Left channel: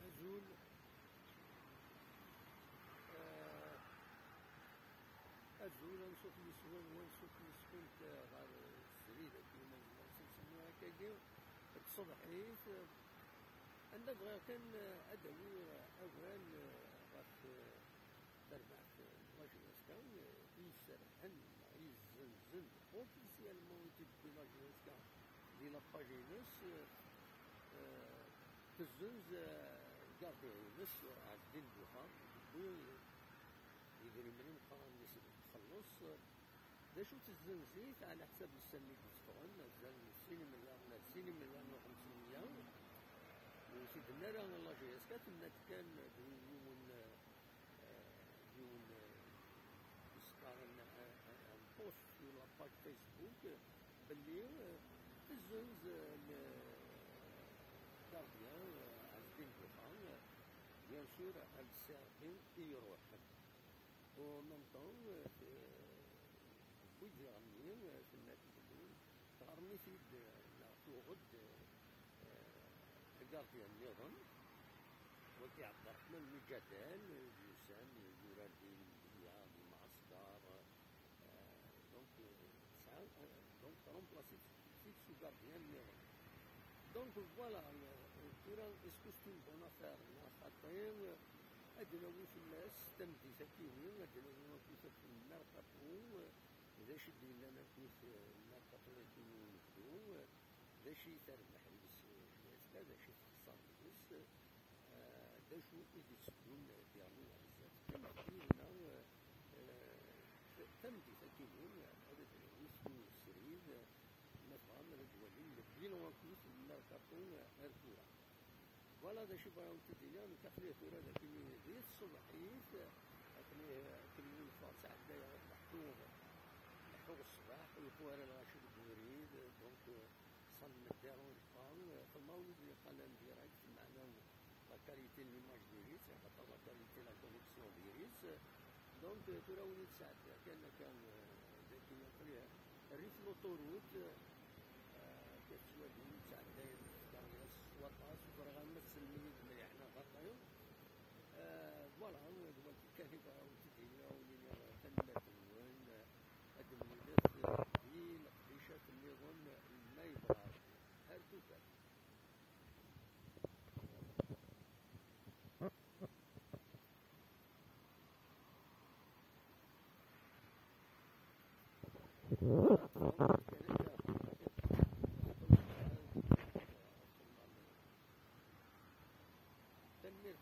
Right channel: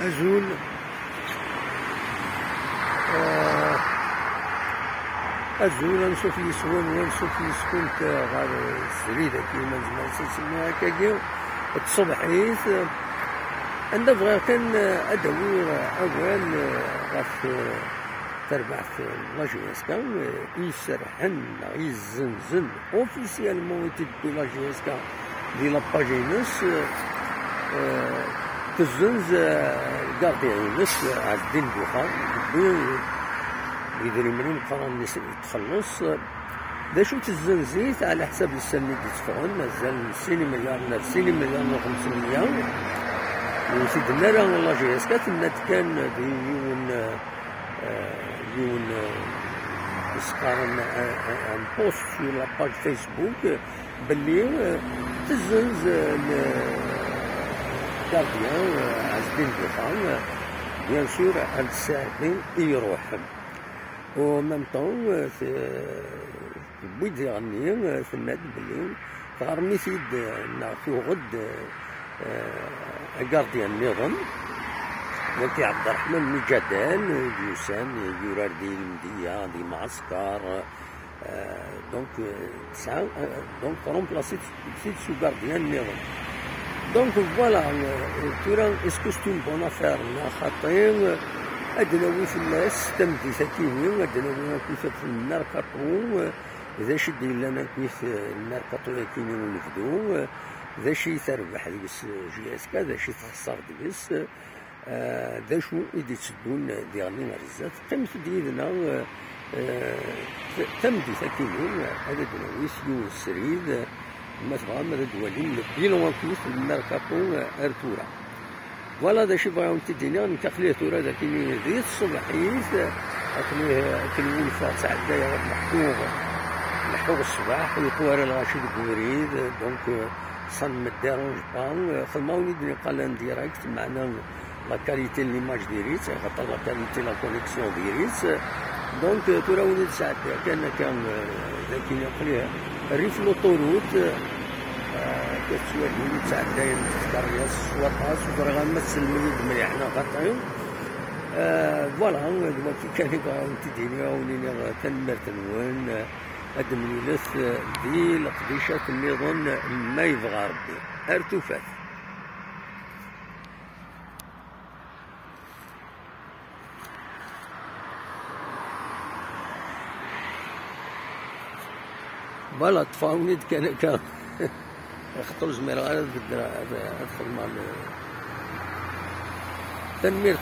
أزول أزول نشوف يسون ونشوف يسكن غير السريدة كيما نجم نسميها هكاكيا الصبحيت عندها بغا كان أدوي أول غاف تربع في لاجيسكا يسرحن يزنزن اوفيسيالمون يتدو لاجيسكا دي لاباجينس تزنز كارديانس عالدين بوخار يدري منين قران تخلص دا شو تزنزيت على حساب السنة اللي تدفعون مازال 60 مليار ولا 90 مليار ولا 50 مليار وسيدنا راه لاجيسكا تمنات كان يون يسقارن ان بوست في لاباج فيسبوك باللي تزنز الكارديان عزبين بوخان بيان سور هاد الساعتين يروح و ميم طون بويد يغني تماد بلي تغرمي سيد في غد كارديان النظام ولكن عبد الرحمن مجدال يوسان يورار دي المدية دي معسكر دونك تسعة دونك رومبلاسي سيد سو كارديان النظام دونك فوالا تورا اسكو ستو بون افير خاطين ادناوي في الناس تمدي ساكيني ادناوي كيف في الميركاتو إذا شد لنا كيف الميركاتو كيني ونفدو ذا شي تربح ديس جي اس كا ذا شي تخسر ديس ذا شو إدي تسدون ديالنا رزات قيمت ديالنا تمدي ساكيني هذا دناويس يو السريد ما تبغى ما دوالين بيلون كيف الميركاتو ارتورا فوالا ذا شي بغاو تديني نتقليه تورا ذا كيني ذي الصباحيت كنولي فيها تاع الدايره محوق الصباح ويقوار الغاشي الكوريد دونك صن ما ديرونج با خدماوني دني قال ديريكت معنا لا كاليتي ليماج ديريت خاطر لا كاليتي لا كونيكسيون ديريت دونك تورا وليد ساعات كان ذاك يقليه الريف لوطوروت كتسوى وليد ساعات داير تذكر السواقاس وفرغا نمثل المريض مليحنا غطايو فوالا دلوقتي كان يبغاو تديني ولينا كنمرتنون هاد الملف دي القديشة النظام ما يبغى ربي ارتفات فوالا طفاوني كان اختار زميل غير ادخل مع تنمير